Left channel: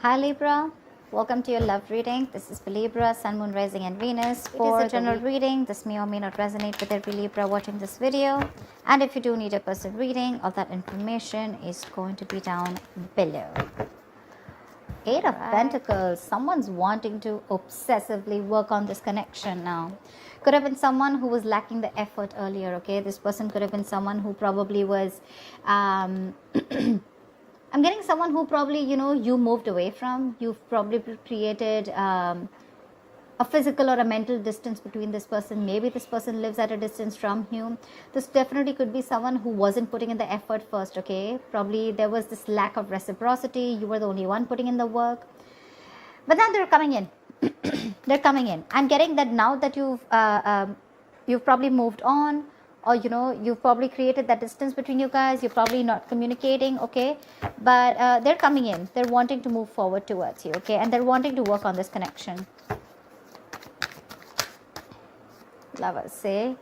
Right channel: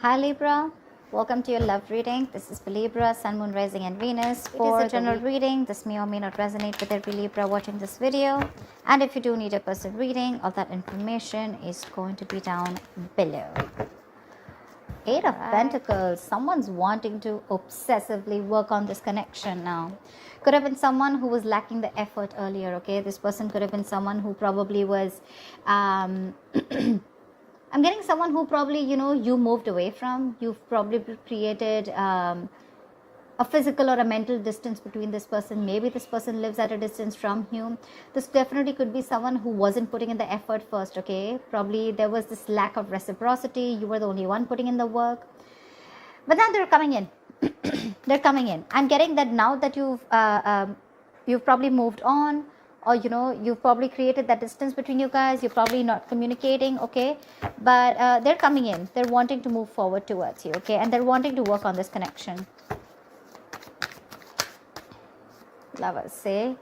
Hi Libra, welcome to your love reading. This is for Libra, Sun, Moon, Rising and Venus. It is a general reading. This may or may not resonate with every Libra watching this video. And if you do need a personal reading, all that information is going to be down below. Eight of Pentacles. Someone's wanting to obsessively work on this connection now. Could have been someone who was lacking the effort earlier, okay? This person could have been someone who probably was... I'm getting someone who probably, you moved away from. You've probably created a physical or a mental distance between this person. Maybe this person lives at a distance from you. This definitely could be someone who wasn't putting in the effort first, okay? Probably there was this lack of reciprocity. You were the only one putting in the work. But now they're coming in. They're coming in. I'm getting that now that you've probably moved on. Or you've probably created that distance between you guys. You're probably not communicating, okay? But they're coming in. They're wanting to move forward towards you, okay? And they're wanting to work on this connection. Lovers, say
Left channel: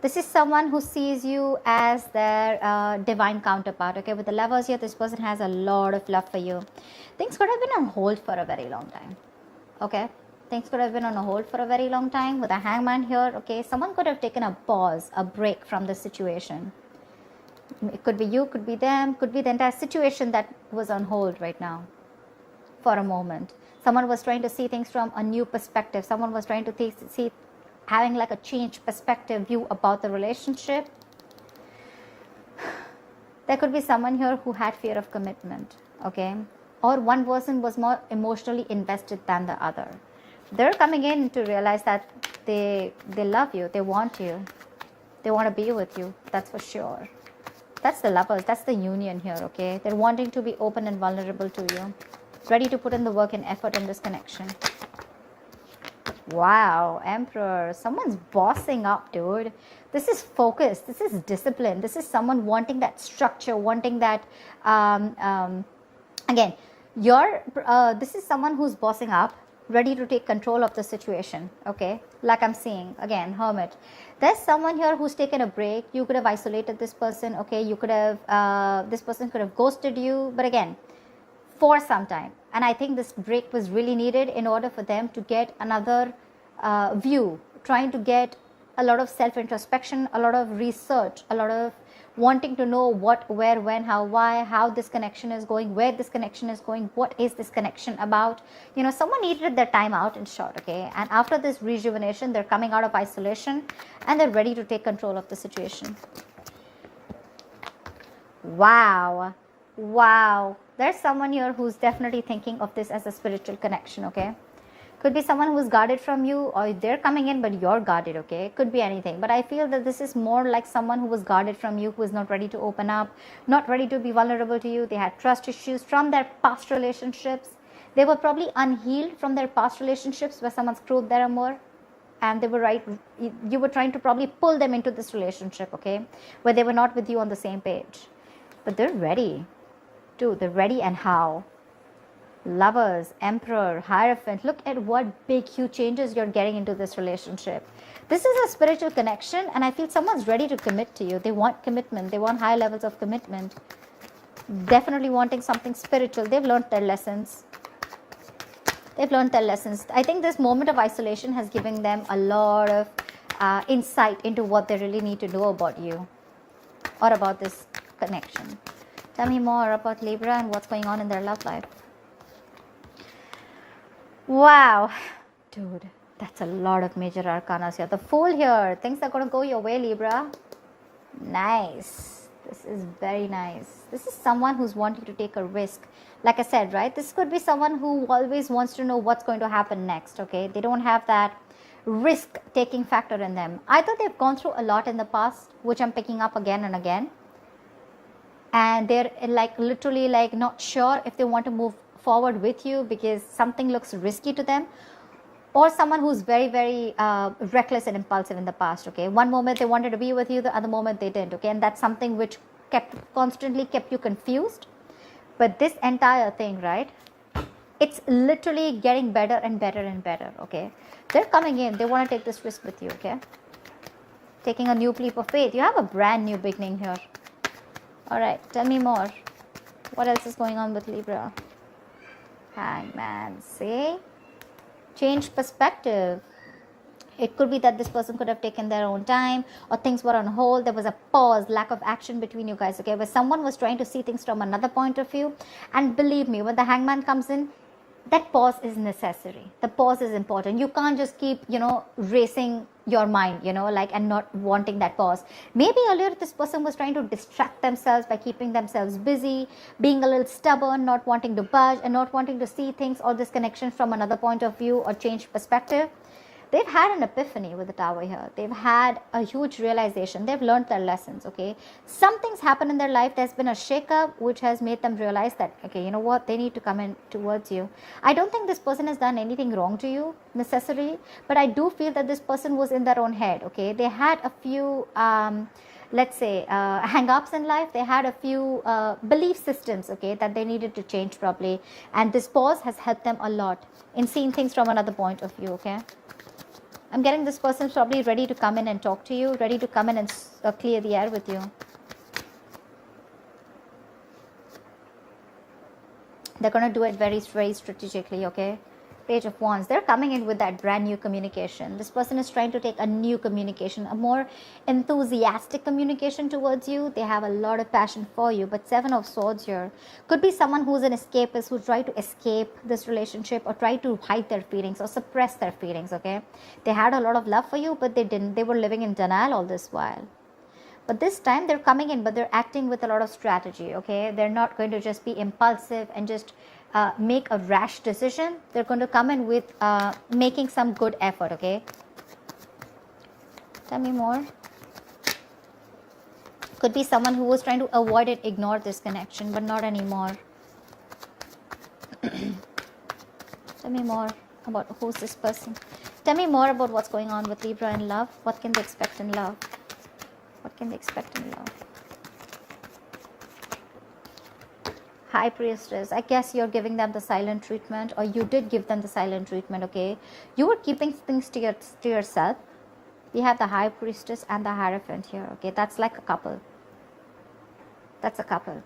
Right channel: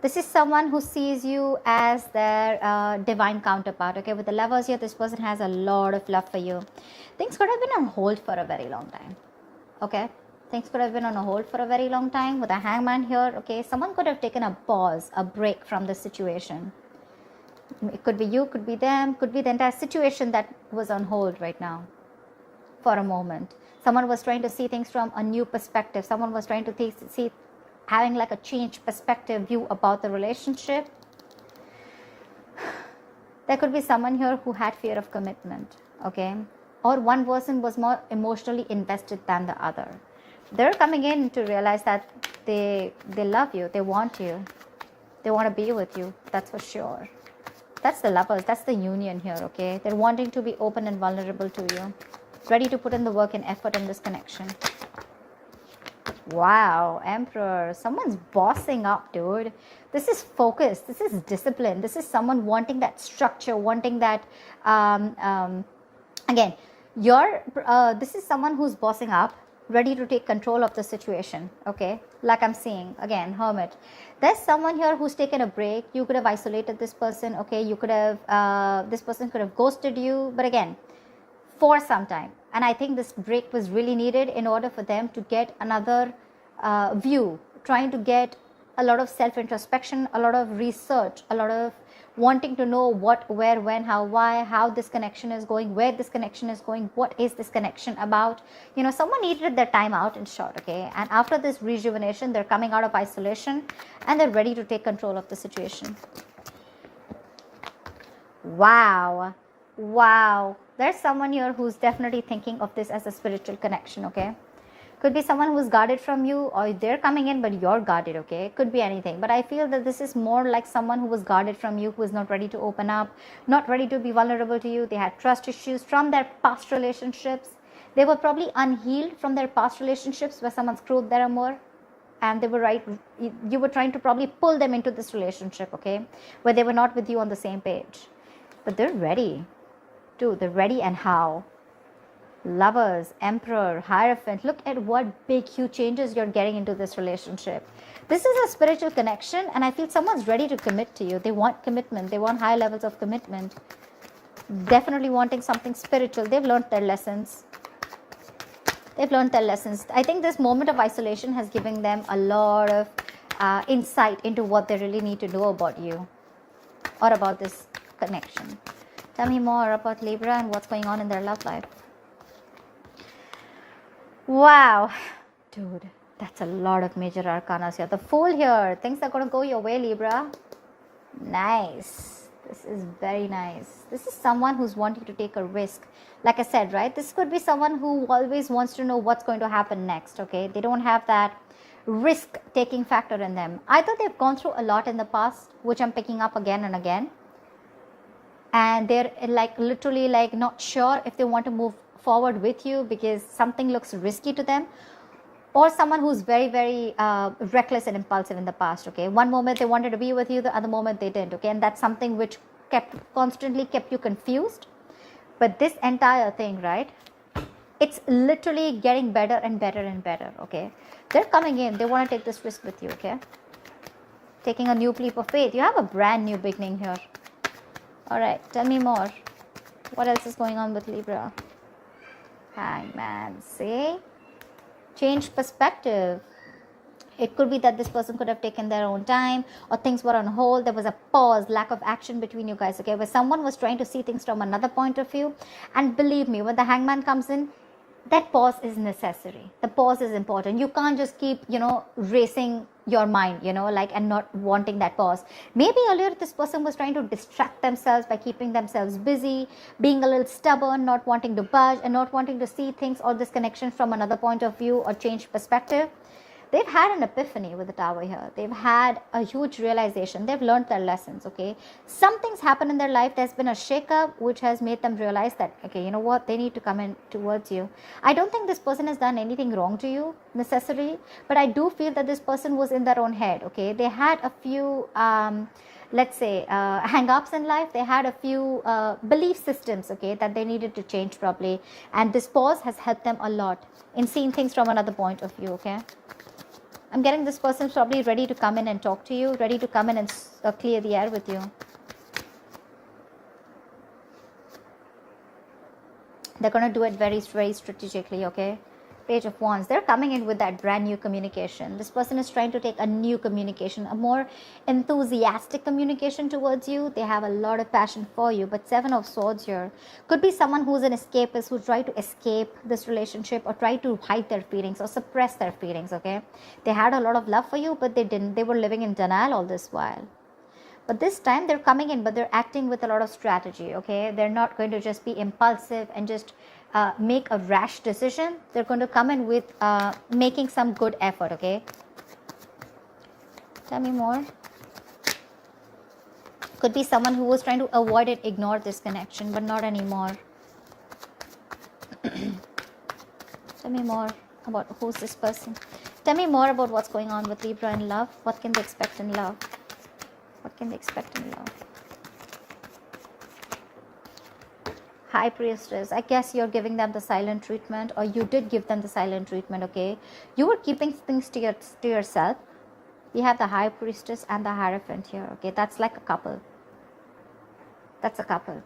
this is someone who sees you as their divine counterpart, okay? With the Lovers here, this person has a lot of love for you. Things could have been on hold for a very long time, okay? Things could have been on a hold for a very long time with a Hangman here, okay? Someone could have taken a pause, a break from the situation. It could be you, could be them, could be the entire situation that was on hold right now for a moment. Someone was trying to see things from a new perspective. Someone was trying to see, having like a changed perspective view about the relationship. There could be someone here who had fear of commitment, okay? Or one person was more emotionally invested than the other. They're coming in to realize that they love you, they want you, they want to be with you, that's for sure. That's the Lovers, that's the union here, okay? They're wanting to be open and vulnerable to you, ready to put in the work and effort in this connection. Wow, Emperor, someone's bossing up, dude. This is focus, this is discipline, this is someone wanting that structure, wanting that, again, this is someone who's bossing up, ready to take control of the situation, okay? Like I'm seeing, again, Hermit. There's someone here who's taken a break. You could have isolated this person, okay? You could have, this person could have ghosted you, but again, for some time. And I think this break was really needed in order for them to get another view, trying to get a lot of self-introspection, a lot of research, a lot of wanting to know what, where, when, how, why, how this connection is going, where this connection is going, what is this connection about. Someone needed their time out, in short, okay? And after this rejuvenation, they're coming out of isolation and they're ready to take control of the situation. Wow. There's someone here who's definitely thinking of this as a spiritual connection, okay? Could be someone who's guarded from you, or they're coming in but you're guarded, okay? Could be anything. But I feel that this is more like someone who was guarded from you, who is not ready to open up, not ready to be vulnerable to you. They have trust issues from their past relationships. They were probably unhealed from their past relationships where someone screwed their amour. And they were right. You were trying to probably pull them into this relationship, okay? Where they were not with you on the same page. But they're ready. Dude, they're ready, and how? Lovers, Emperor, Hierophant. Look at what big, huge changes you're getting into this relationship. This is a spiritual connection, and I feel someone's ready to commit to you. They want commitment. They want high levels of commitment. Definitely wanting something spiritual. They've learned their lessons. I think this moment of isolation has given them a lot of insight into what they really need to know about you or about this connection. Tell me more about Libra and what's going on in their love life. Wow, dude, that's a lot of major arcanas here. The Fool here. Things are going to go your way, Libra. Nice. This is very nice. This is someone who's wanting to take a risk. Like I said, right? This could be someone who always wants to know what's going to happen next, okay? They don't have that risk-taking factor in them. Either they've gone through a lot in the past, which I'm picking up again and again. And they're literally not sure if they want to move forward with you because something looks risky to them, or someone who's very, very reckless and impulsive in the past, okay? One moment they wanted to be with you, the other moment they didn't, okay? And that's something which constantly kept you confused. But this entire thing, right, it's literally getting better and better and better, okay? They're coming in, they want to take this risk with you, okay? Taking a new leap of faith. You have a brand new beginning here. All right, tell me more. What else is going on with Libra? Hangman, see? Change perspective. It could be that this person could have taken their own time, or things were on hold. There was a pause, lack of action between you guys, okay? But someone was trying to see things from another point of view. And believe me, when the hangman comes in, that pause is necessary. The pause is important. You can't just keep, racing your mind, and not wanting that pause. Maybe earlier this person was trying to distract themselves by keeping themselves busy, being a little stubborn, not wanting to budge, and not wanting to see things or this connection from another point of view or change perspective. They've had an epiphany with the tower here. They've had a huge realization. They've learned their lessons, okay? Something's happened in their life. There's been a shakeup which has made them realize that, okay, you know what? They need to come in towards you. I don't think this person has done anything wrong to you necessarily, but I do feel that this person was in their own head, okay? They had a few, hang-ups in life. They had a few belief systems, okay, that they needed to change properly. And this pause has helped them a lot in seeing things from another point of view, okay? I'm getting this person's probably ready to come in and talk to you, ready to come in and clear the air with you. They're going to do it very, very strategically, okay? Page of Wands. They're coming in with that brand new communication. This person is trying to take a new communication, a more enthusiastic communication towards you. They have a lot of passion for you. But Seven of Swords here could be someone who's an escapist, who tried to escape this relationship or try to hide their feelings or suppress their feelings, okay? They had a lot of love for you, but they didn't. They were living in denial all this while. But this time they're coming in, but they're acting with a lot of strategy, okay? They're not going to just be impulsive and just make a rash decision. They're going to come in with making some good effort, okay? Tell me more. Could be someone who was trying to avoid it, ignore this connection, but not anymore. Tell me more about who's this person. Tell me more about what's going on with Libra in love. What can they expect in love? What can they expect in love? High Priestess. I guess you're giving them the silent treatment, or you did give them the silent treatment, okay? You were keeping things to yourself. You have the High Priestess and the Hierophant here, okay? That's like a couple. That's a couple.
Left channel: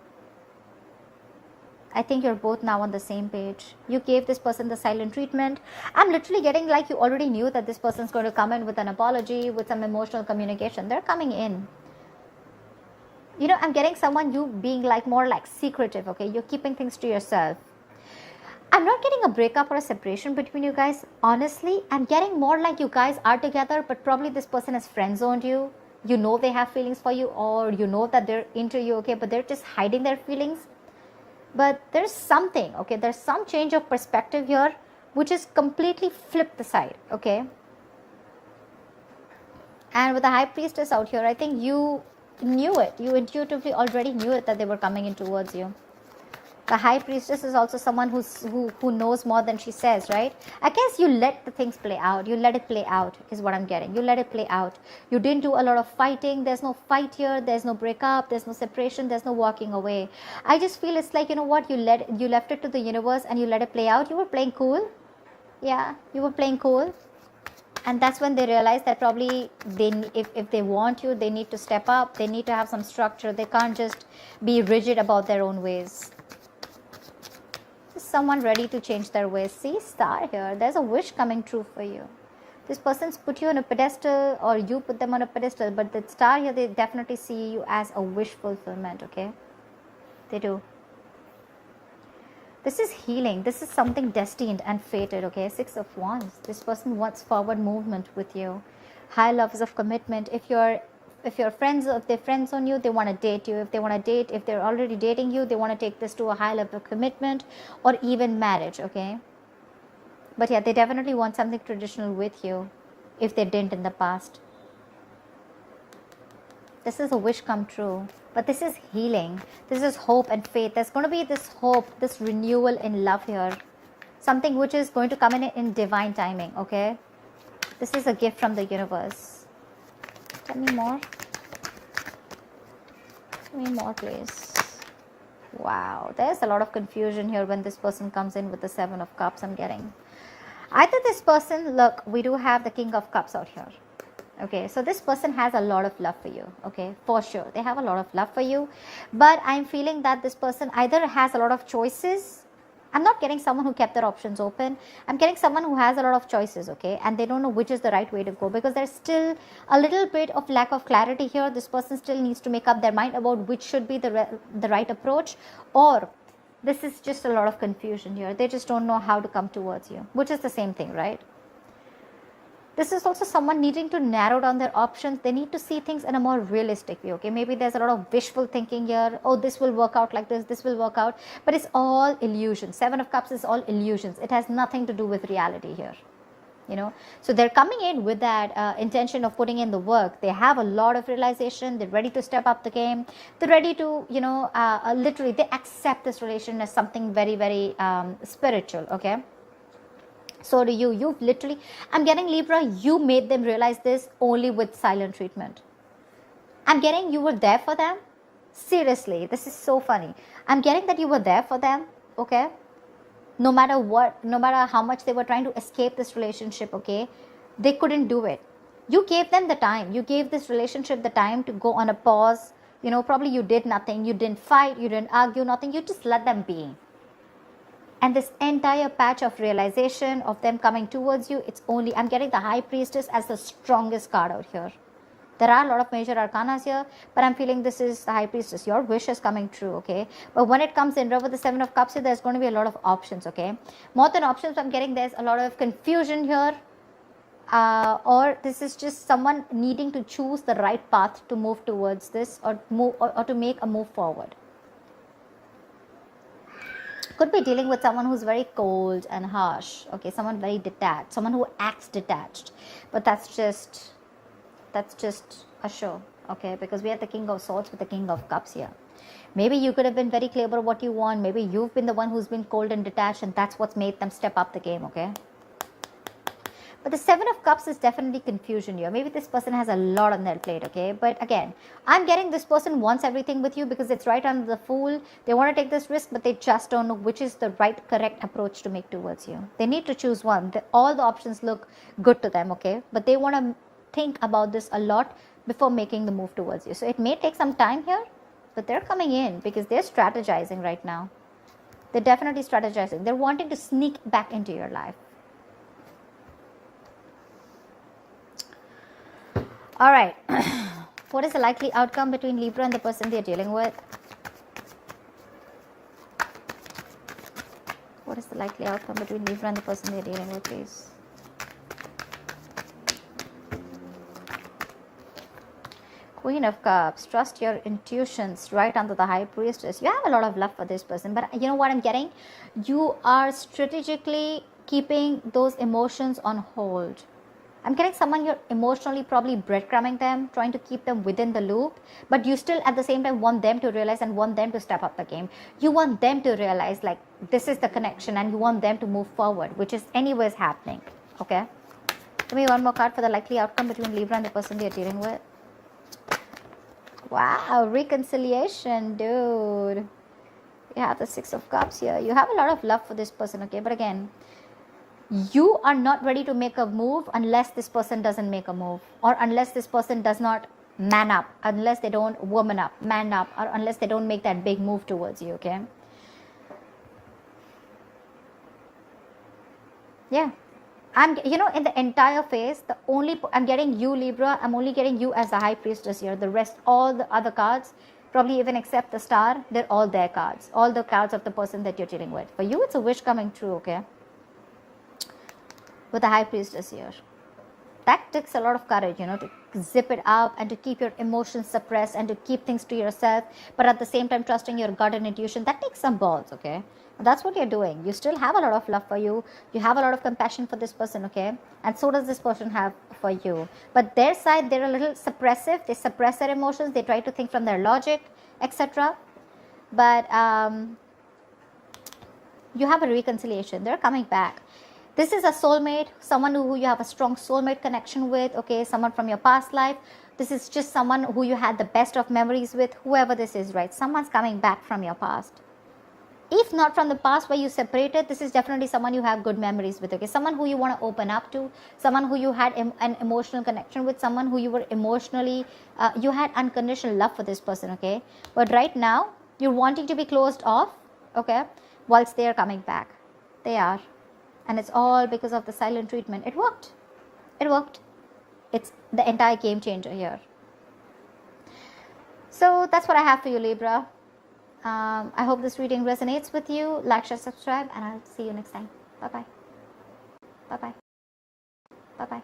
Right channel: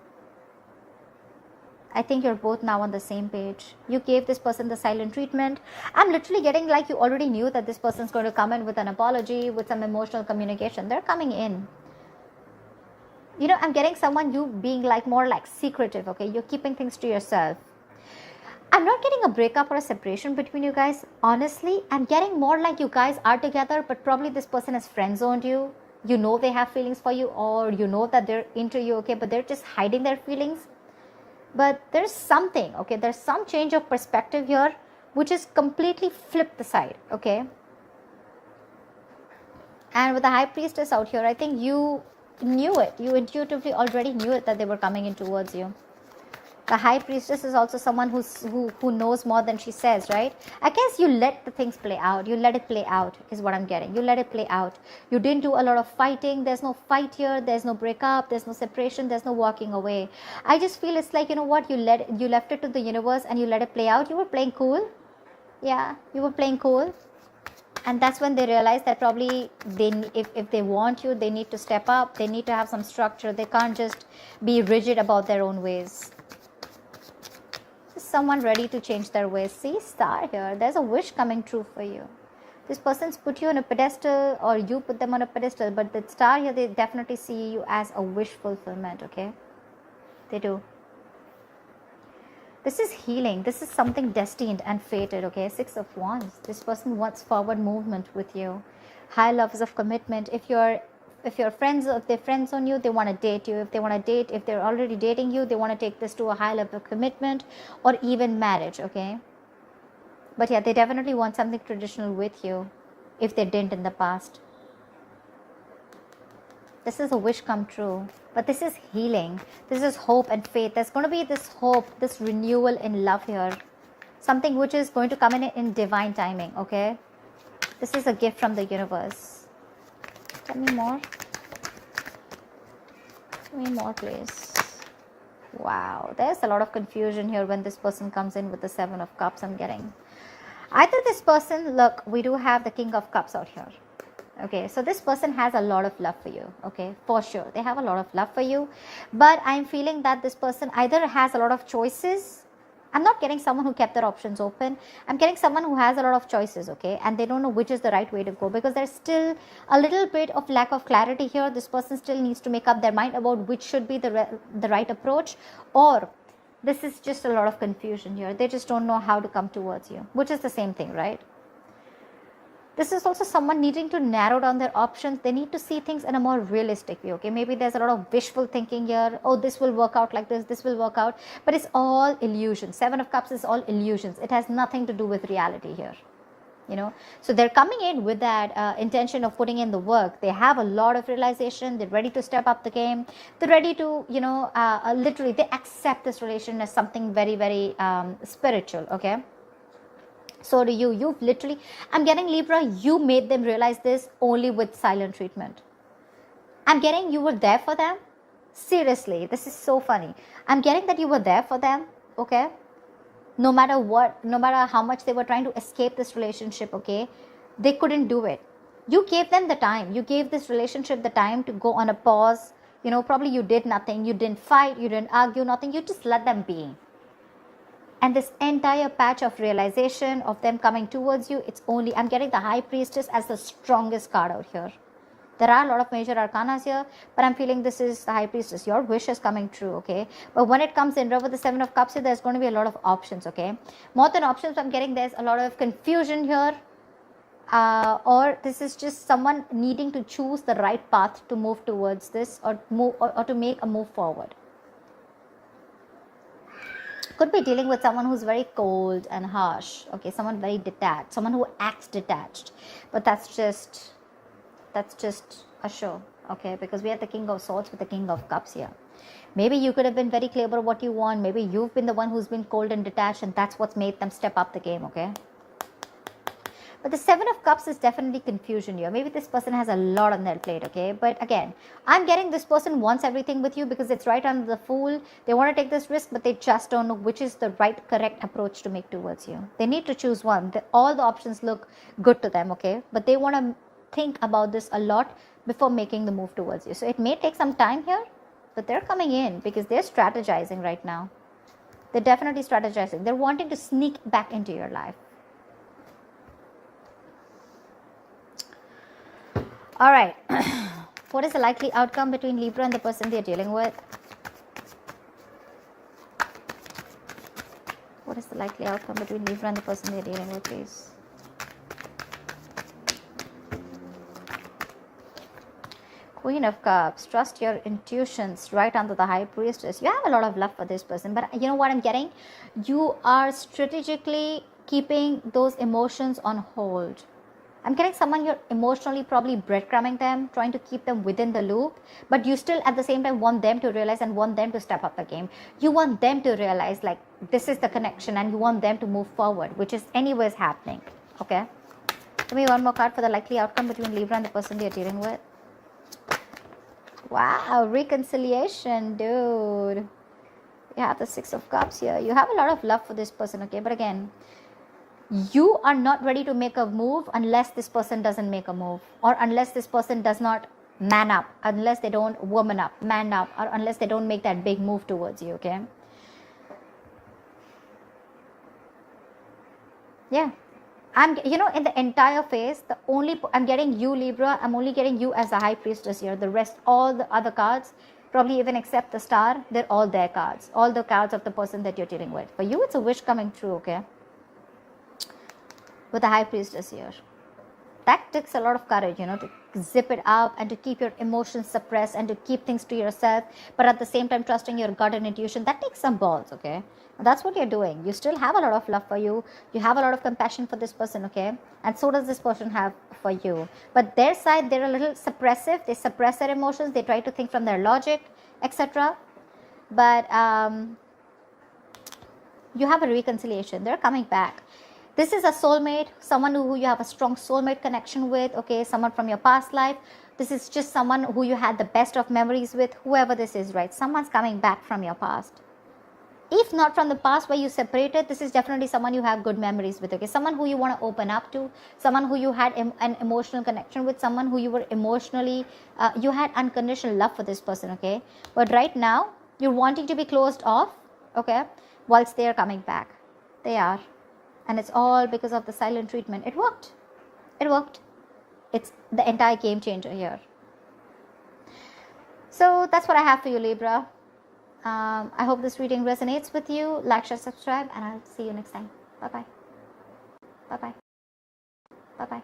I think you're both now on the same page. You gave this person the silent treatment. I'm literally getting like you already knew that this person's going to come in with an apology, with some emotional communication. They're coming in. I'm getting someone, you being like more like secretive, okay? You're keeping things to yourself. I'm not getting a breakup or a separation between you guys. Honestly, I'm getting more like you guys are together, but probably this person has friend-zoned you. You know they have feelings for you, or you know that they're into you, okay? But they're just hiding their feelings. But there's something, okay? There's some change of perspective here, which is completely flipped the side, okay? And with the High Priestess out here, I think you knew it. You intuitively already knew it that they were coming in towards you. A High Priestess is also someone who knows more than she says, right? I guess you let the things play out. You let it play out is what I'm getting. You let it play out. You didn't do a lot of fighting. There's no fight here. There's no breakup. There's no separation. There's no walking away. I just feel it's like, you know what? You left it to the universe and you let it play out. You were playing cool. Yeah, you were playing cool. And that's when they realize that probably if they want you, they need to step up. They need to have some structure. They can't just be rigid about their own ways. Is someone ready to change their ways? See, Star here. There's a wish coming true for you. This person's put you on a pedestal, or you put them on a pedestal. But the Star here, they definitely see you as a wish fulfillment, okay? They do. This is healing. This is something destined and fated, okay? Six of Wands. This person wants forward movement with you. High levels of commitment. If they're friends on you, they want to date you. If they're already dating you, they want to take this to a high level of commitment or even marriage, okay? But yeah, they definitely want something traditional with you if they didn't in the past. This is a wish come true. But this is healing. This is hope and faith. There's going to be this hope, this renewal in love here. Something which is going to come in divine timing, okay? This is a gift from the universe. Tell me more. Tell me more, please. Wow. There's a lot of confusion here when this person comes in with the Seven of Cups I'm getting. Either this person, look, we do have the King of Cups out here. Okay, so this person has a lot of love for you, okay, for sure. They have a lot of love for you, but I'm feeling that this person either has a lot of choices I'm not getting someone who kept their options open. I'm getting someone who has a lot of choices, okay? And they don't know which is the right way to go, because there's still a little bit of lack of clarity here. This person still needs to make up their mind about which should be the right approach, or this is just a lot of confusion here. They just don't know how to come towards you, which is the same thing, right? This is also someone needing to narrow down their options. They need to see things in a more realistic way, okay? Maybe there's a lot of wishful thinking here. Oh, this will work out like this will work out. But it's all illusion. Seven of Cups is all illusions. It has nothing to do with reality here, you know? So they're coming in with that intention of putting in the work. They have a lot of realization. They're ready to step up the game. They're ready to, you know, literally, they accept this relation as something very, very spiritual, okay? So do you. You've literally, I'm getting Libra, you made them realize this only with silent treatment. I'm getting you were there for them. Seriously, this is so funny. I'm getting that you were there for them, okay? No matter what, no matter how much they were trying to escape this relationship, okay? They couldn't do it. You gave them the time. You gave this relationship the time to go on a pause. You know, probably you did nothing. You didn't fight. You didn't argue, nothing. You just let them be. And this entire patch of realization of them coming towards you, it's only, I'm getting the High Priestess as the strongest card out here. There are a lot of major arcanas here, but I'm feeling this is the High Priestess. Your wish is coming true, okay? But when it comes in with the Seven of Cups here, there's going to be a lot of options, okay? More than options, I'm getting there's a lot of confusion here. Or this is just someone needing to choose the right path to move towards this, or to make a move forward. Could be dealing with someone who's very cold and harsh, okay? Someone very detached, someone who acts detached. But that's just a show, okay? Because we have the King of Swords with the King of Cups here. Maybe you could have been very clear about what you want. Maybe you've been the one who's been cold and detached, and that's what's made them step up the game, okay? But the Seven of Cups is definitely confusion here. Maybe this person has a lot on their plate, okay? But again, I'm getting this person wants everything with you because it's right under the Fool. They want to take this risk, but they just don't know which is the right, correct approach to make towards you. They need to choose one. All the options look good to them, okay? But they want to think about this a lot before making the move towards you. So it may take some time here, but they're coming in because they're strategizing right now. They're definitely strategizing. They're wanting to sneak back into your life. All right. What is the likely outcome between Libra and the person they're dealing with? What is the likely outcome between Libra and the person they're dealing with, please? Queen of Cups. Trust your intuitions. Right under the High Priestess. You have a lot of love for this person. But you know what I'm getting? You are strategically keeping those emotions on hold. I'm getting someone you're emotionally probably breadcrumbing them, trying to keep them within the loop, but you still at the same time want them to realize and want them to step up the game. You want them to realize like this is the connection and you want them to move forward, which is anyways happening. Okay? Give me one more card for the likely outcome between Libra and the person you're dealing with. Wow, reconciliation, dude. You have the Six of Cups here. You have a lot of love for this person, okay? But again, you are not ready to make a move unless this person doesn't make a move, or unless this person does not man up, unless they don't woman up, man up, or unless they don't make that big move towards you, okay? Yeah. You know, in the entire phase, I'm getting you, Libra, I'm only getting you as the High Priestess here. The rest, all the other cards, probably even except the Star, they're all their cards. All the cards of the person that you're dealing with. For you, it's a wish coming true, okay? With the High Priestess here. That takes a lot of courage, you know, to zip it up and to keep your emotions suppressed and to keep things to yourself, but at the same time trusting your gut and intuition. That takes some balls, okay? But that's what you're doing. You still have a lot of love for you. You have a lot of compassion for this person, okay? And so does this person have for you. But their side, they're a little suppressive. They suppress their emotions. They try to think from their logic, etc. But you have a reconciliation. They're coming back. This is a soulmate, someone who you have a strong soulmate connection with, okay, someone from your past life. This is just someone who you had the best of memories with, whoever this is, right? Someone's coming back from your past. If not from the past where you separated, this is definitely someone you have good memories with, okay? Someone who you want to open up to, someone who you had an emotional connection with, someone who you were emotionally, you had unconditional love for this person, okay? But right now, you're wanting to be closed off, okay? whilst they are coming back. They are. And it's all because of the silent treatment. It worked. It worked. It's the entire game changer here. So that's what I have for you, Libra. I hope this reading resonates with you. Like, share, subscribe, and I'll see you next time. Bye-bye. Bye-bye. Bye-bye.